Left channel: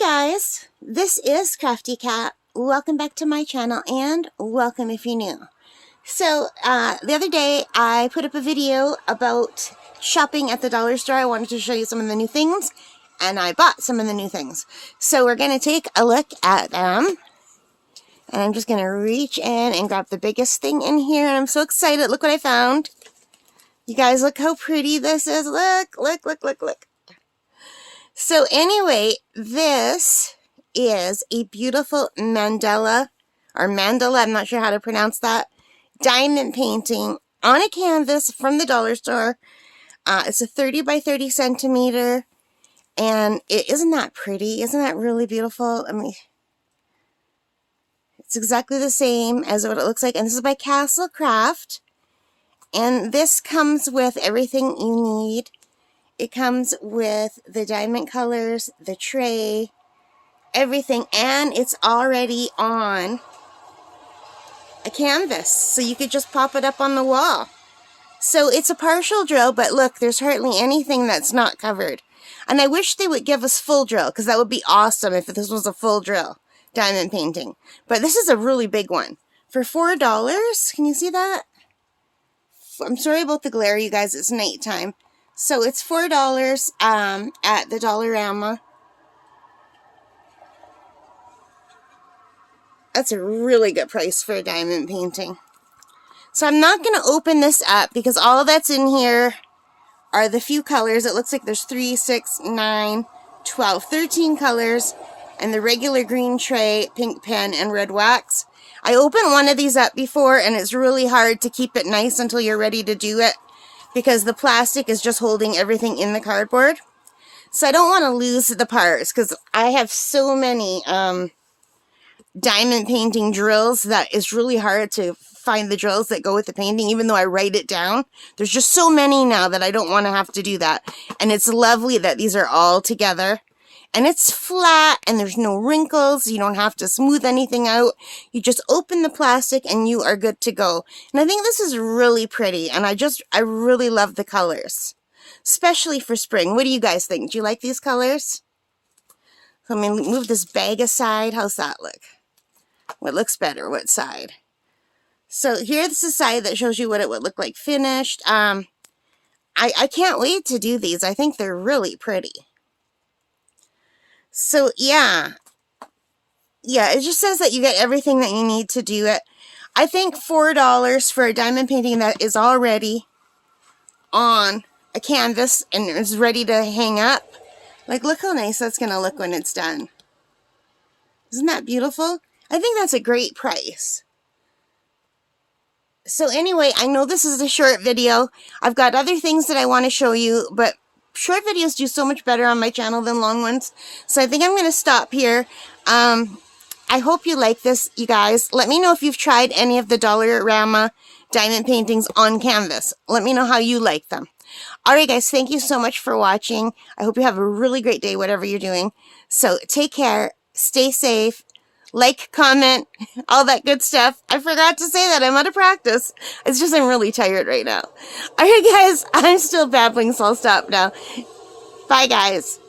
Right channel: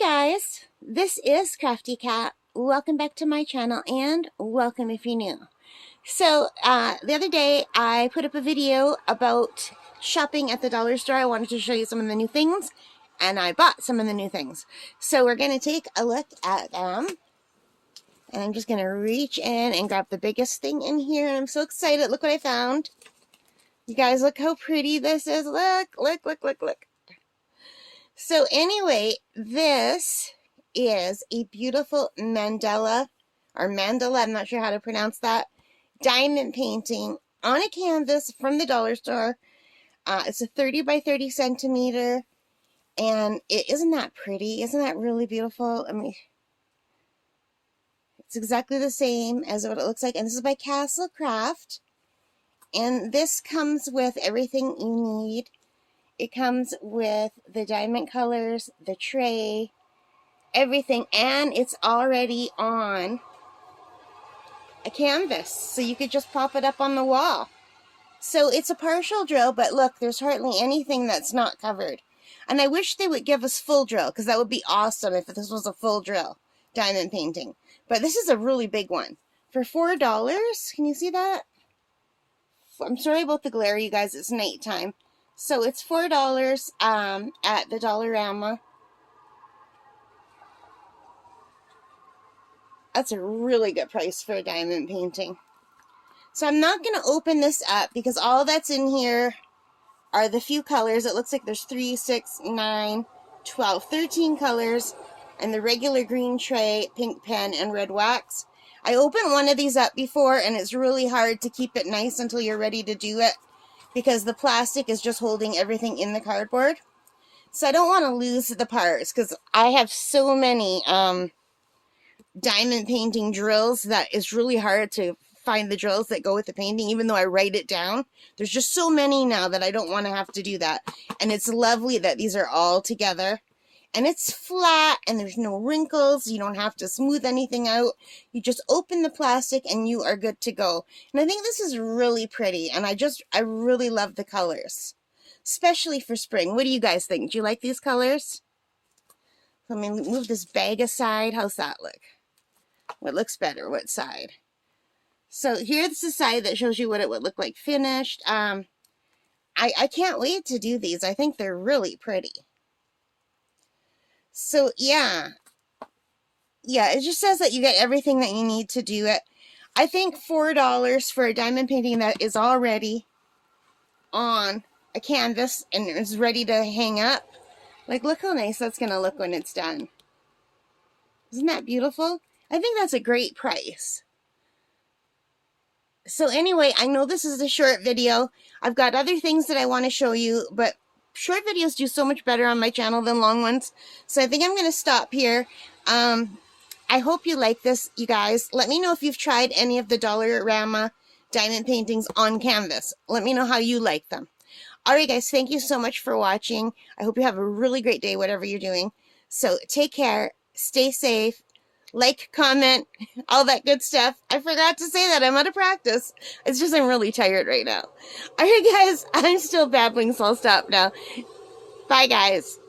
guys, this is Crafty Cat. Welcome back to my channel and welcome if you're new. So the other day I put up a video about shopping at the dollar store. I wanted to show you some of the new things and I bought some of the new things. So we're going to take a look at them and I'm just going to reach in and grab the biggest thing in here and I'm so excited. Look what I found. You guys, look how pretty this is. Look. So anyway, this is a beautiful Mandela, I'm not sure how to pronounce that, diamond painting on a canvas from the dollar store. It's a 30 by 30 centimeter, and isn't that pretty? Isn't that really beautiful? I mean, it's exactly the same as what it looks like, and this is by Castle Craft, and this comes with everything you need. It comes with the diamond colors, the tray, everything, and it's already on a canvas, so you could just pop it up on the wall. So it's a partial drill, but look, there's hardly anything that's not covered. And I wish they would give us full drill, because that would be awesome if this was a full drill diamond painting. But this is a really big one. For $4, can you see that? I'm sorry about the glare, you guys, it's nighttime. So it's $4 at the Dollarama. That's a really good price for a diamond painting. So I'm not going to open this up because all that's in here are the few colors. It looks like there's 3, 6, 9, 12, 13 colors, and the regular green tray, pink pen, and red wax. I opened one of these up before and it's really hard to keep it nice until you're ready to do it, because the plastic is just holding everything in the cardboard. So I don't want to lose the parts, because I have so many diamond painting drills that it's really hard to find the drills that go with the painting, even though I write it down. There's just so many now that I don't want to have to do that. And it's lovely that these are all together. And it's flat and there's no wrinkles. You don't have to smooth anything out. You just open the plastic and you are good to go. And I think this is really pretty. And I really love the colors, especially for spring. What do you guys think? Do you like these colors? Let me move this bag aside. How's that look? What looks better? What side? So here's the side that shows you what it would look like finished. I can't wait to do these. I think they're really pretty. So yeah, it just says that you get everything that you need to do it. I think $4 for a diamond painting that is already on a canvas and is ready to hang up. Like, look how nice that's going to look when it's done. Isn't that beautiful? I think that's a great price. So anyway, I know this is a short video. I've got other things that I want to show you, but short videos do so much better on my channel than long ones. So I think I'm going to stop here. I hope you like this, you guys. Let me know if you've tried any of the Dollarama diamond paintings on canvas. Let me know how you like them. Alright guys, thank you so much for watching. I hope you have a really great day, whatever you're doing. So take care, stay safe, like, comment, all that good stuff. I forgot to say that. I'm out of practice. It's just I'm really tired right now. Alright guys, I'm still babbling, so I'll stop now. Bye guys.